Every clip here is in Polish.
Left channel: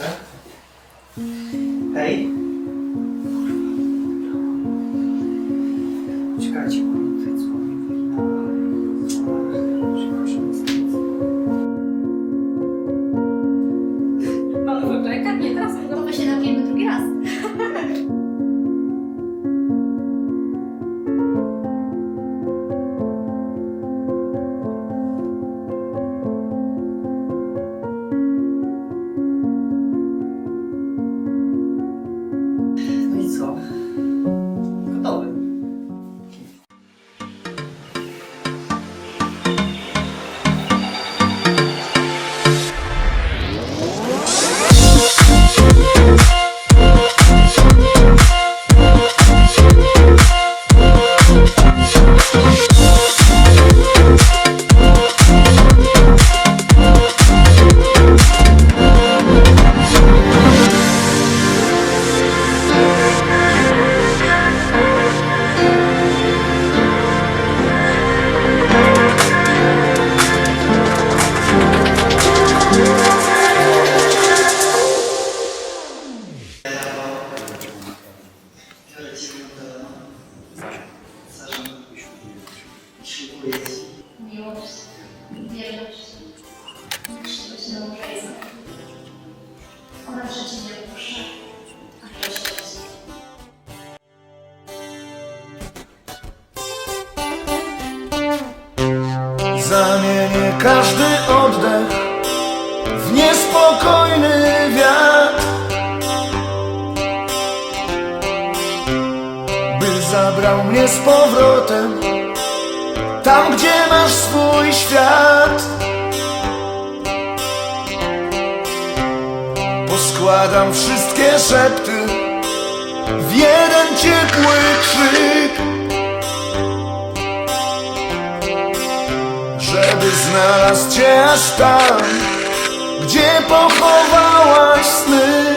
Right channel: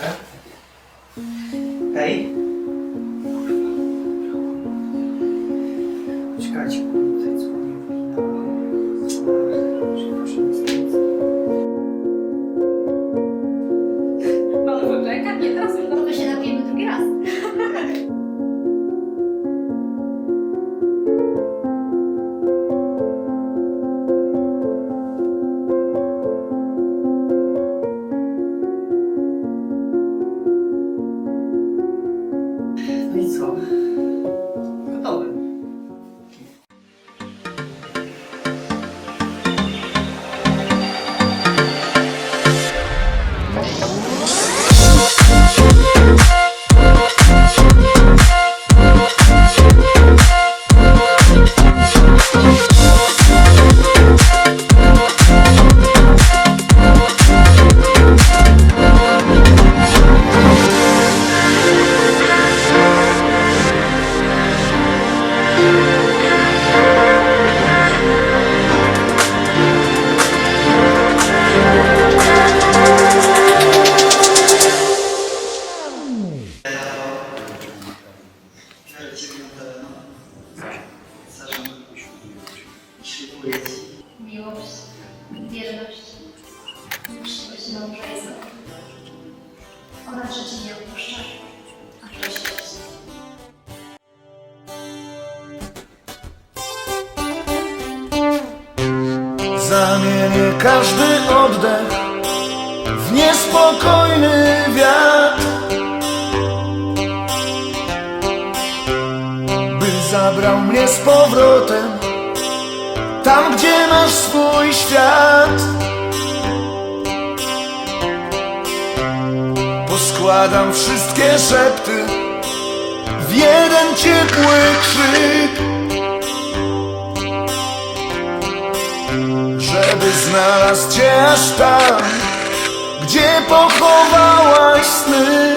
Tak? Hej? Czekajcie, kurde, tutaj dzwoni Przepraszam, nic. Mamy poczekać? Nie, teraz my się napijemy drugi raz. No i Ci. Miłość, wierność, uczciwość. Oraz, że Cię nie opuszcza, a się Zamienię każdy oddech w niespokojny wiatr By zabrał mnie z powrotem Tam, gdzie masz swój świat Poskładam wszystkie szepty W jeden ciepły krzyk żeby znalazł cię aż tam, gdzie pochowałaś sny.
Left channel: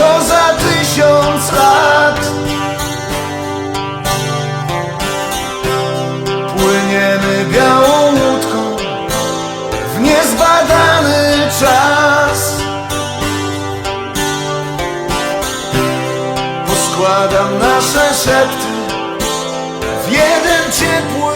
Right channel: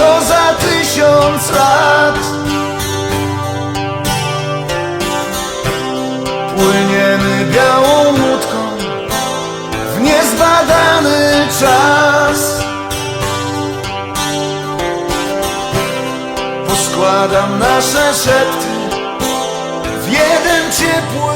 To za tysiąc lat? Płyniemy białą łódką W niezbadany czas. Poskładam nasze szepty w jeden ciepły